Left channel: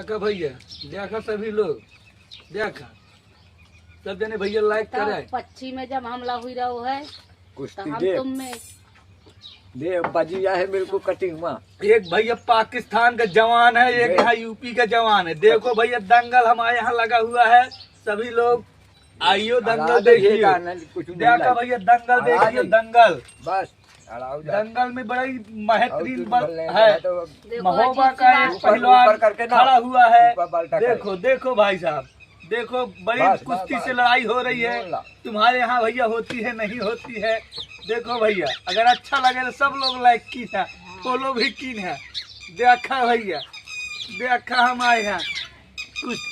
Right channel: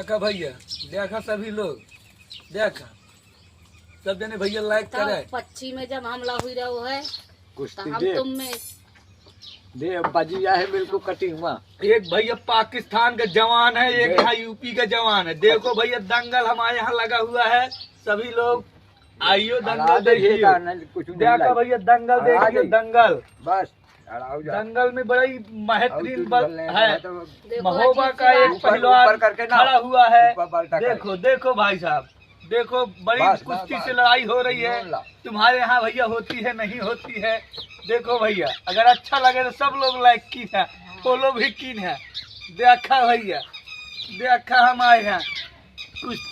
देखा भैया, देखा सभी लोग, देखा सब जने भैया लाइक करे। पक्षी में जब हमला हुई रहो है कुश्ती तो हम दे तुम में दे बजिया है बिल्कुल कटिंग में। एक भैया पाकिस्तान का जवान है, एक यहाँ यूपी का जवान है। देखो भैया दंगल हमारे यहाँ लगा हुआ है, सभी लोग आइयो दंगल देखिए। देखा भैया दंगल देखिए, दंगल बस दंगल में बड़ी बेहतरीन है। देखो महोबा अजीब सी का बात एक है। पहलवान करके ना, खड़ा हुआ है। ऊपर बाल्टा कर। देखो देखो भाई साहब, देखो बड़ी बस, कुश्ती बस, से लड़ाई हो रही है। बोला। तुम्हारे यहाँ भैया होती है नहीं होती है। देखो भैया, अगर अच्छा लगे तो सब लोग लाइक की है, फॉलो भी की है। देखा भैया, देखा हमारे यहाँ कुश्ती।